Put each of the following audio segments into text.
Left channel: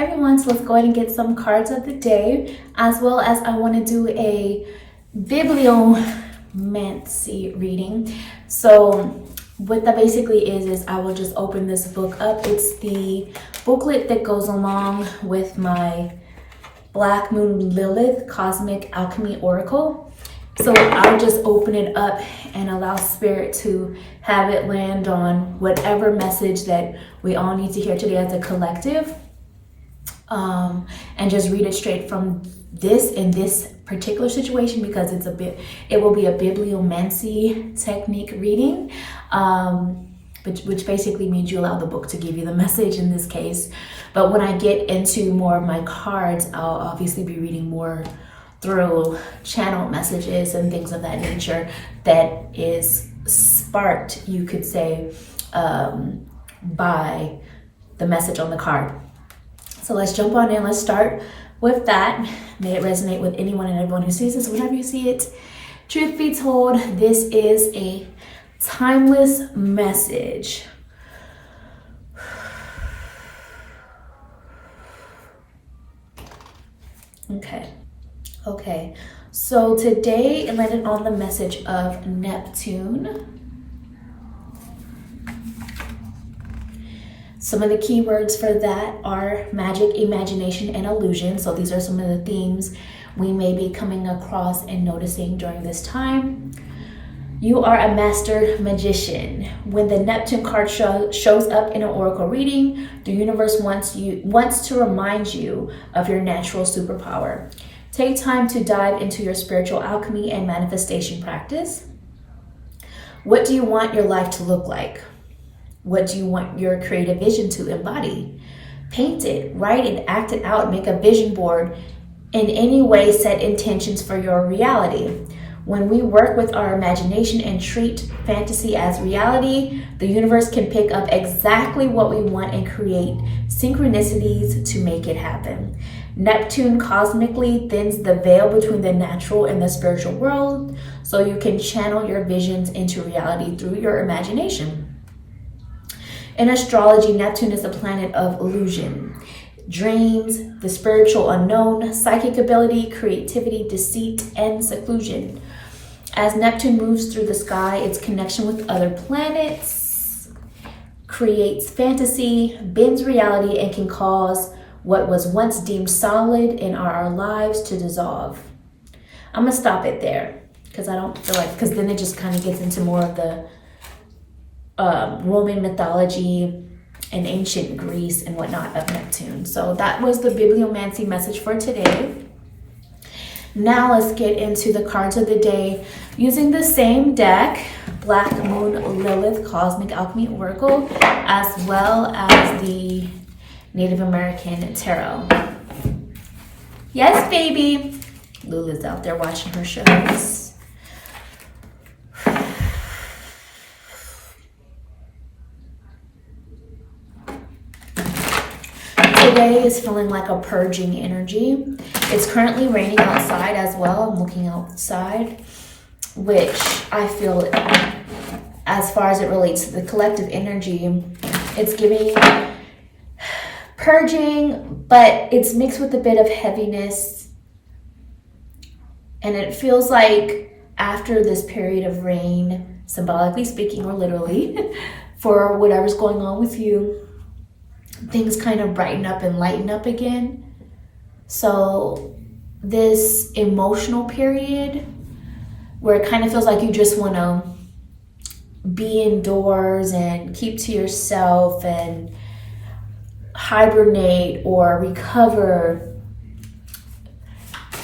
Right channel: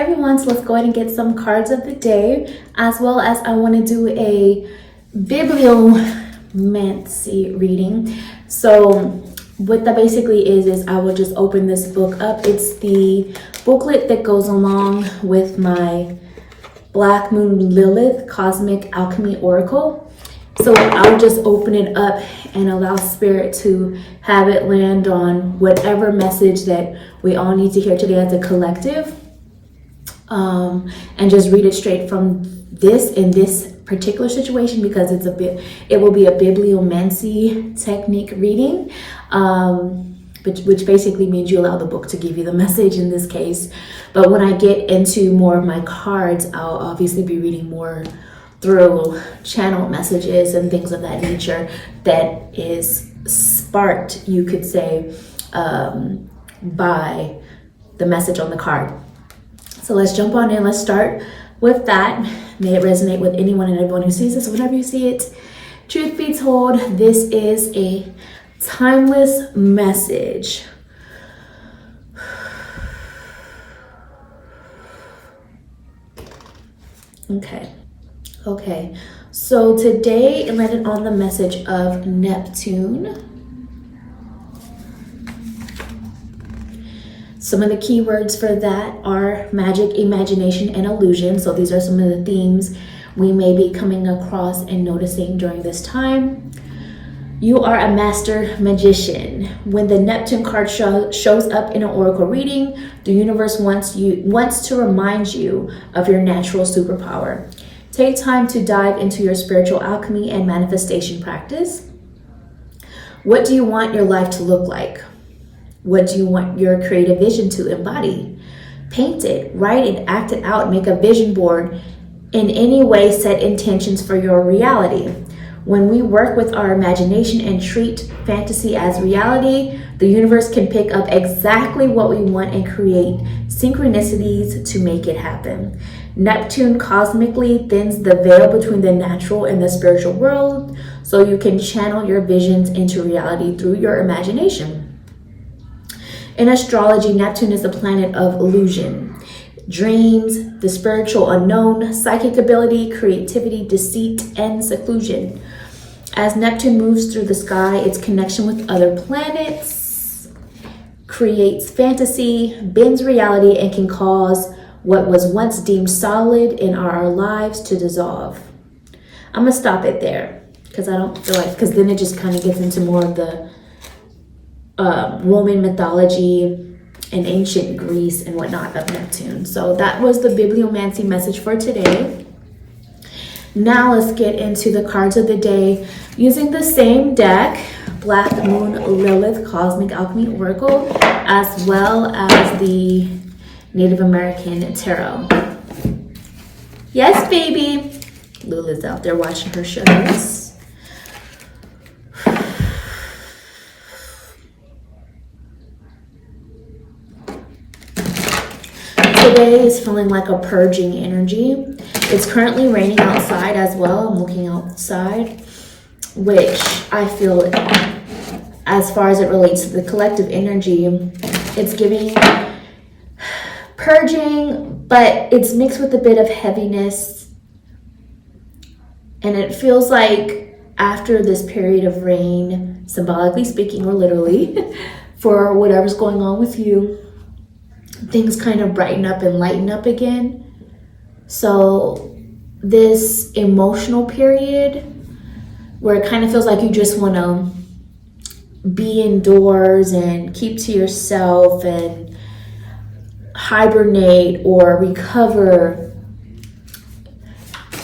everyone, so let's go ahead and get some cards of the day, as well as I want to do a Bibliomancy reading. So what that basically is I will just open this book up. It's the booklet that goes along with my Black Moon Lilith Cosmic Alchemy Oracle. So I'll just open it up and allow Spirit to have it land on whatever message that we all need to hear today as a collective. And just read it straight from this in this particular situation, because it will be a Bibliomancy technique reading, which basically means you allow the book to give you the message in this case. But when I get into more of my cards, I'll obviously be reading more through channeled messages and things of that nature that is sparked, you could say, by the message on the card. So let's jump on in. Let's start with that. May it resonate with anyone and everyone who sees this. Whenever you see it, truth be told, this is a timeless message. Okay. So today it landed on the message of Neptune. Some of the keywords for that are magic, imagination, and illusion. So these are some of the themes we may be coming across and noticing during this time. You are a master magician. When the Neptune card shows up in an oracle reading, the universe wants to remind you of your natural superpower. Take time to dive into your spiritual alchemy and manifestation practice. What do you want your life to look like? What do you want your creative vision to embody? Paint it, write it, act it out, make a vision board. In any way, set intentions for your reality. When we work with our imagination and treat fantasy as reality, the universe can pick up exactly what we want and create synchronicities to make it happen. Neptune cosmically thins the veil between the natural and the spiritual world, so you can channel your visions into reality through your imagination. In astrology, Neptune is the planet of illusion, dreams, the spiritual unknown, psychic ability, creativity, deceit, and seclusion. As Neptune moves through the sky, its connection with other planets creates fantasy, bends reality, and can cause what was once deemed solid in our lives to dissolve. I'm gonna stop it there because I don't feel like, because then it just kind of gets into more of the Roman mythology and ancient Greece and whatnot of Neptune. So that was the Bibliomancy message for today. Now let's get into the cards of the day using the same deck, Black Moon Lilith Cosmic Alchemy Oracle, as well as the Native American Tarot. Yes, baby. Lula's out there watching her shows. Today is feeling like a purging energy. It's currently raining outside as well. I'm looking outside, which I feel, as far as it relates to the collective energy, it's giving purging, but it's mixed with a bit of heaviness. And it feels like after this period of rain, symbolically speaking or literally, for whatever's going on with you, things kind of brighten up and lighten up again. So this emotional period where it kind of feels like you just want to be indoors and keep to yourself and hibernate or recover,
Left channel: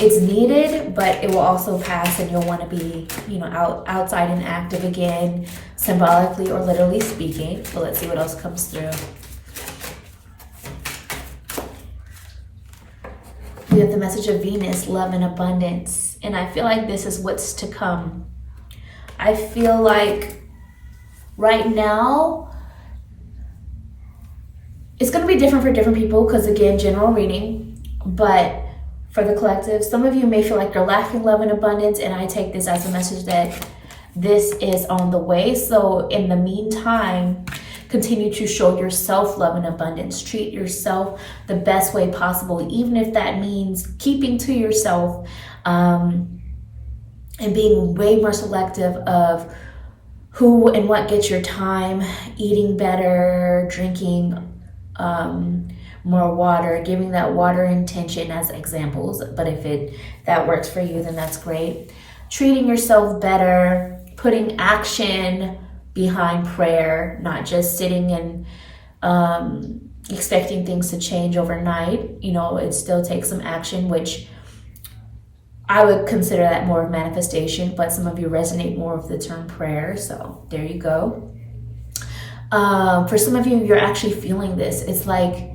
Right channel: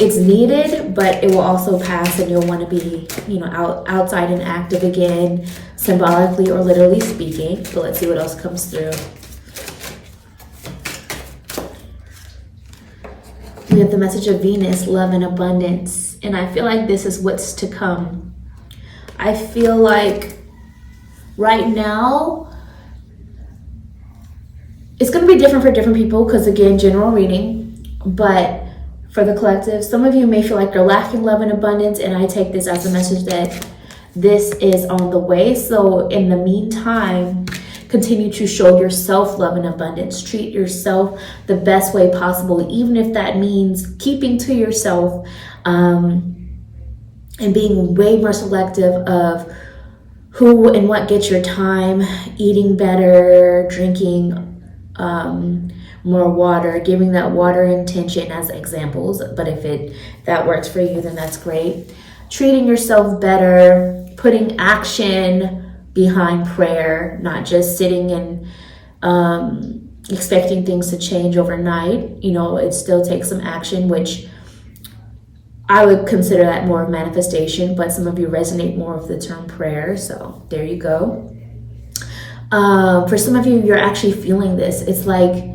it's needed, but it will also pass and you'll want to be, outside and active again, symbolically or literally speaking. But let's see what else comes through. We have the message of Venus, love and abundance. And I feel like this is what's to come. I feel like right now, it's going to be different for different people because, again, general reading. But for the collective, some of you may feel like you're lacking love and abundance. And I take this as a message that this is on the way. So in the meantime, continue to show yourself love and abundance. Treat yourself the best way possible, even if that means keeping to yourself, and being way more selective of who and what gets your time, eating better, drinking more water, giving that water intention as examples. But if that works for you, then that's great. Treating yourself better, putting action behind prayer, not just sitting and expecting things to change overnight. You know, it still takes some action, which I would consider that more of manifestation, but some of you resonate more with the term prayer. So there you go. For some of you, you're actually feeling this. It's like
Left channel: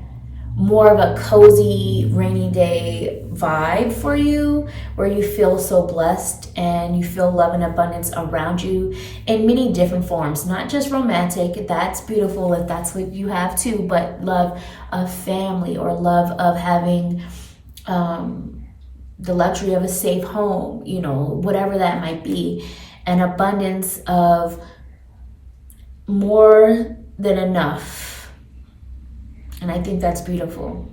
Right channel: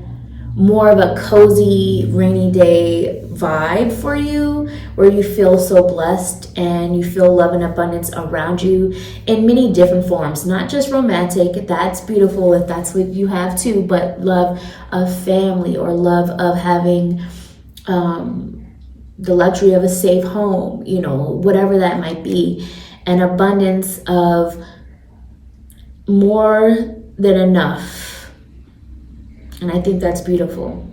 more of a cozy rainy day vibe for you, where you feel so blessed and you feel love and abundance around you in many different forms, not just romantic. That's beautiful if that's what you have too, but love of family, or love of having the luxury of a safe home, you know, whatever that might be. An abundance of more than enough. And I think that's beautiful.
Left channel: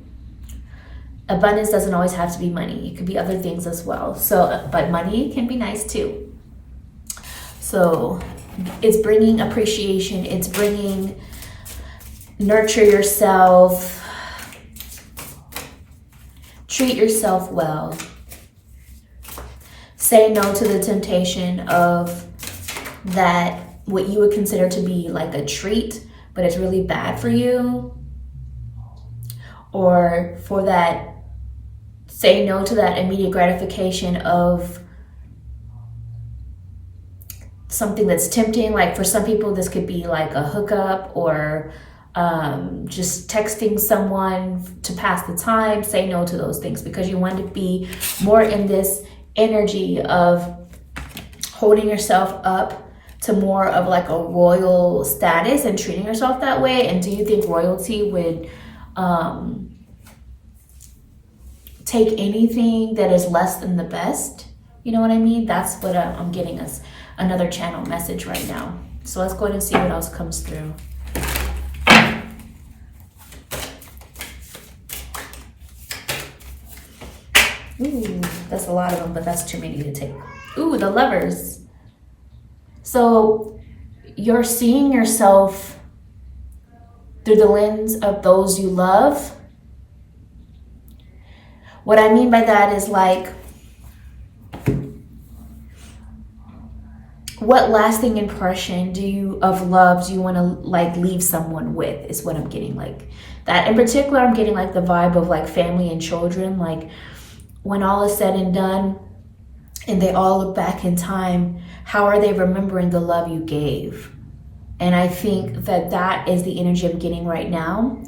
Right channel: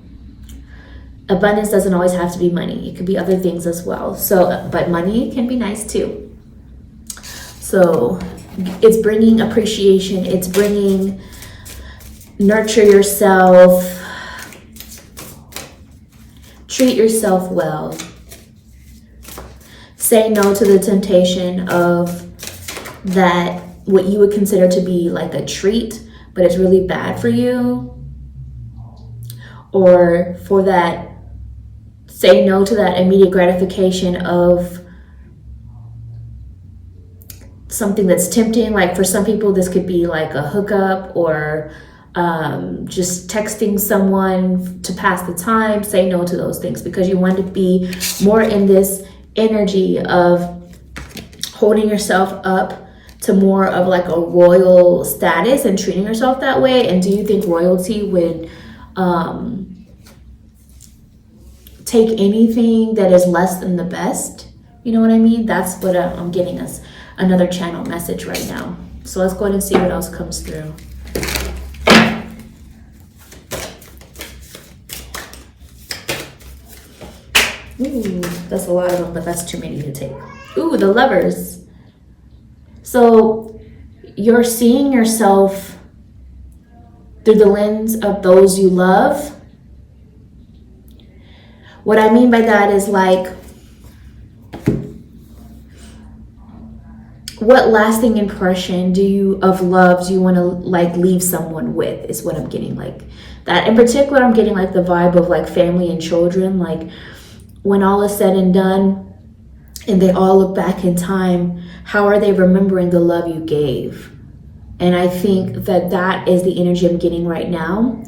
Abundance doesn't always have to be money. It could be other things as well. So, but money can be nice too. So it's bringing appreciation. It's bringing nurture yourself. Treat yourself well. Say no to the temptation of that, what you would consider to be like a treat, but it's really bad for you. Or for that, say no to that immediate gratification of something that's tempting. Like for some people, this could be like a hookup, or just texting someone to pass the time. Say no to those things, because you want to be more in this energy of holding yourself up to more of like a royal status and treating yourself that way. And do you think royalty would take anything that is less than the best? You know what I mean? That's what I'm getting us another channel message right now. So let's go ahead and see what else comes through. Ooh, that's a lot of them, but that's too many to take. Ooh, the Lovers. So you're seeing yourself through the lens of those you love. What I mean by that is like, what lasting impression of love do you want to like leave someone with, is what I'm getting. Like that in particular, I'm getting like the vibe of like family and children. Like when all is said and done and they all look back in time, how are they remembering the love you gave? And I think that is the energy I'm getting right now.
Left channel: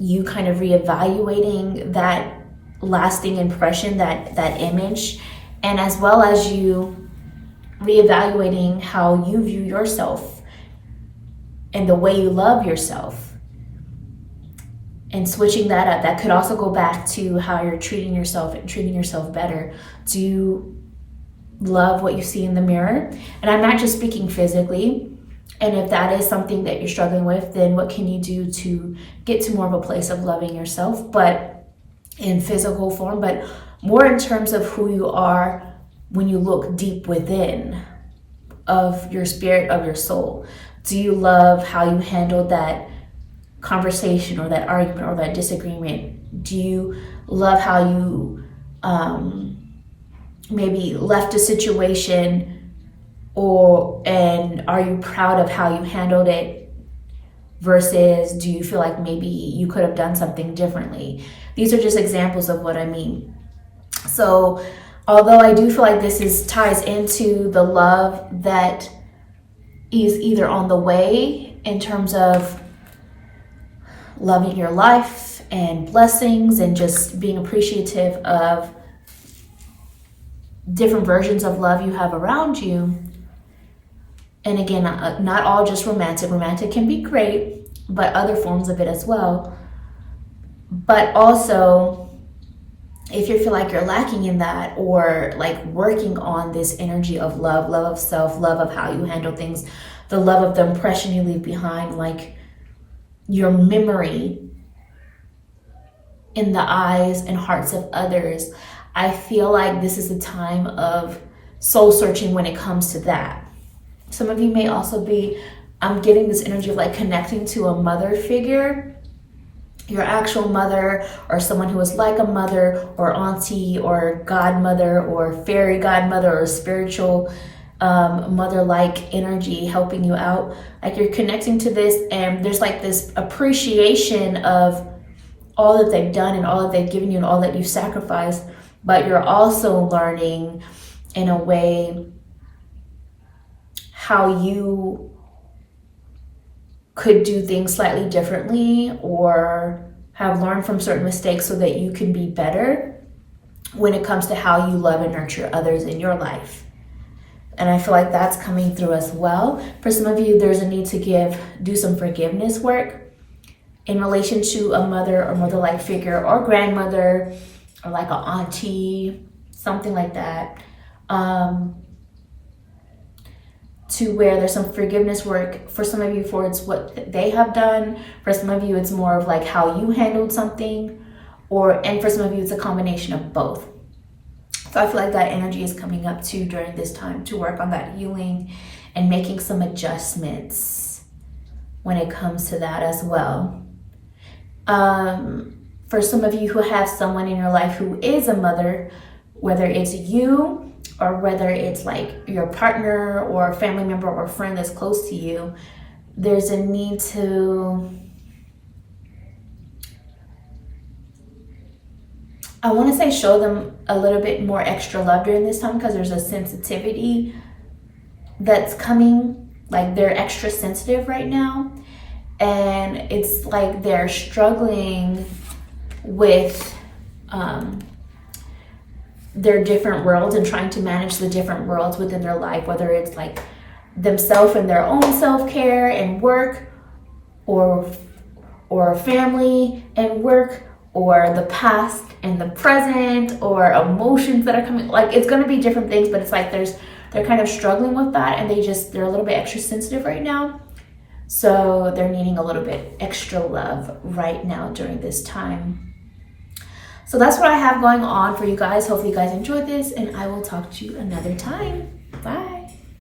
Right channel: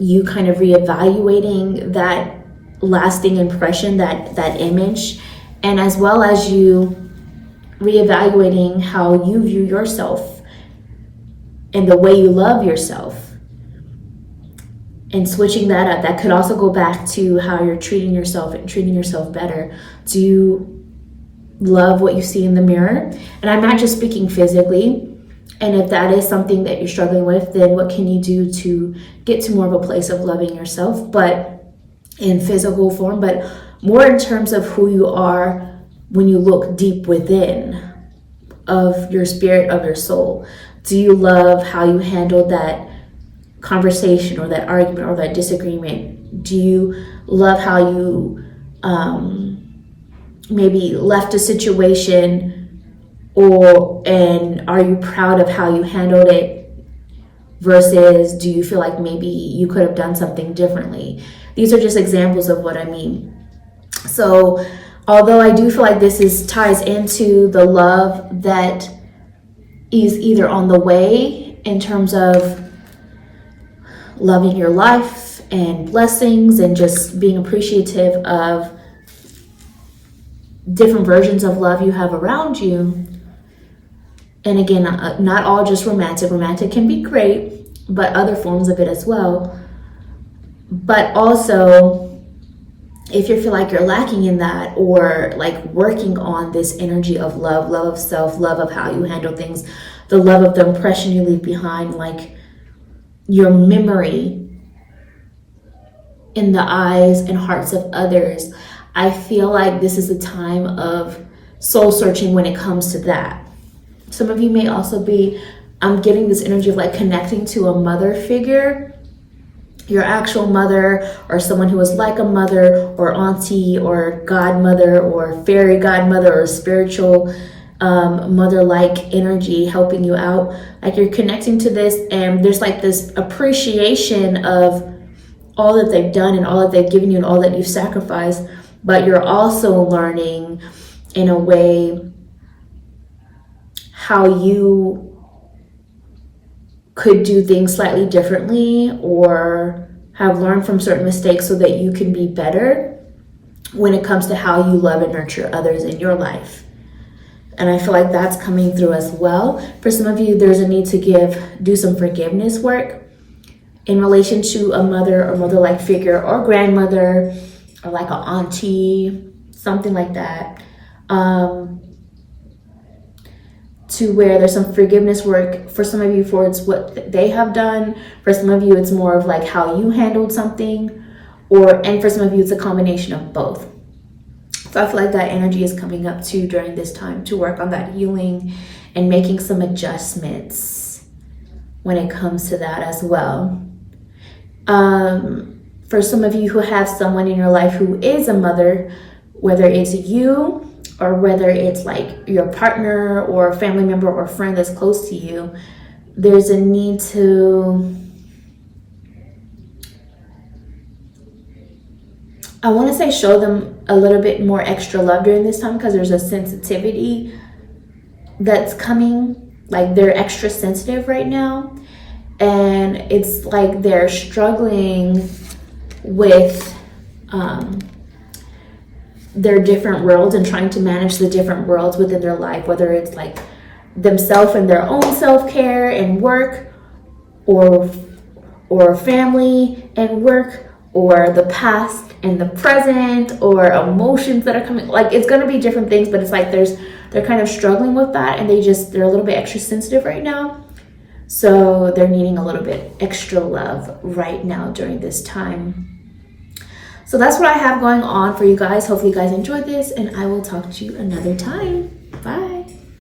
You kind of reevaluating that lasting impression, that image, and as well as you reevaluating how you view yourself and the way you love yourself, and switching that up. That could also go back to how you're treating yourself and treating yourself better. Do you love what you see in the mirror? And I'm not just speaking physically. And if that is something that you're struggling with, then what can you do to get to more of a place of loving yourself, but in physical form, but more in terms of who you are when you look deep within of your spirit, of your soul? Do you love how you handled that conversation or that argument or that disagreement? Do you love how you maybe left a situation, and are you proud of how you handled it, versus do you feel like maybe you could have done something differently? These are just examples of what I mean. So although I do feel like this ties into the love that is either on the way in terms of loving your life and blessings and just being appreciative of different versions of love you have around you. And again, not all just romantic. Romantic can be great, but other forms of it as well. But also, if you feel like you're lacking in that, or like working on this energy of love of self, love of how you handle things, the love of the impression you leave behind, like your memory in the eyes and hearts of others. I feel like this is a time of soul searching when it comes to that. Some of you may also be, I'm getting this energy of like connecting to a mother figure, your actual mother, or someone who is like a mother or auntie or godmother or fairy godmother or spiritual mother-like energy helping you out. Like you're connecting to this, and there's like this appreciation of all that they've done and all that they've given you and all that you've sacrificed, but you're also learning in a way how you could do things slightly differently or have learned from certain mistakes so that you can be better when it comes to how you love and nurture others in your life. And I feel like that's coming through as well. For some of you, there's a need to do some forgiveness work in relation to a mother or mother-like figure or grandmother or like an auntie, something like that. To where there's some forgiveness work for some of you for it's what they have done. For some of you, it's more of like how you handled something, and for some of you, it's a combination of both. So I feel like that energy is coming up too during this time to work on that healing and making some adjustments when it comes to that as well. For some of you who have someone in your life who is a mother, whether it's you or whether it's like your partner or a family member or friend that's close to you, there's a need to, I want to say, show them a little bit more extra love during this time, because there's a sensitivity that's coming. Like they're extra sensitive right now, and it's like they're struggling with their different worlds and trying to manage the different worlds within their life, whether it's like themselves and their own self-care and work, or family and work, or the past and the present, or emotions that are coming. Like it's going to be different things, but it's like they're kind of struggling with that, and they're a little bit extra sensitive right now. So they're needing a little bit extra love right now during this time. So that's what I have going on for you guys. Hopefully you guys enjoyed this, and I will talk to you another time. Bye.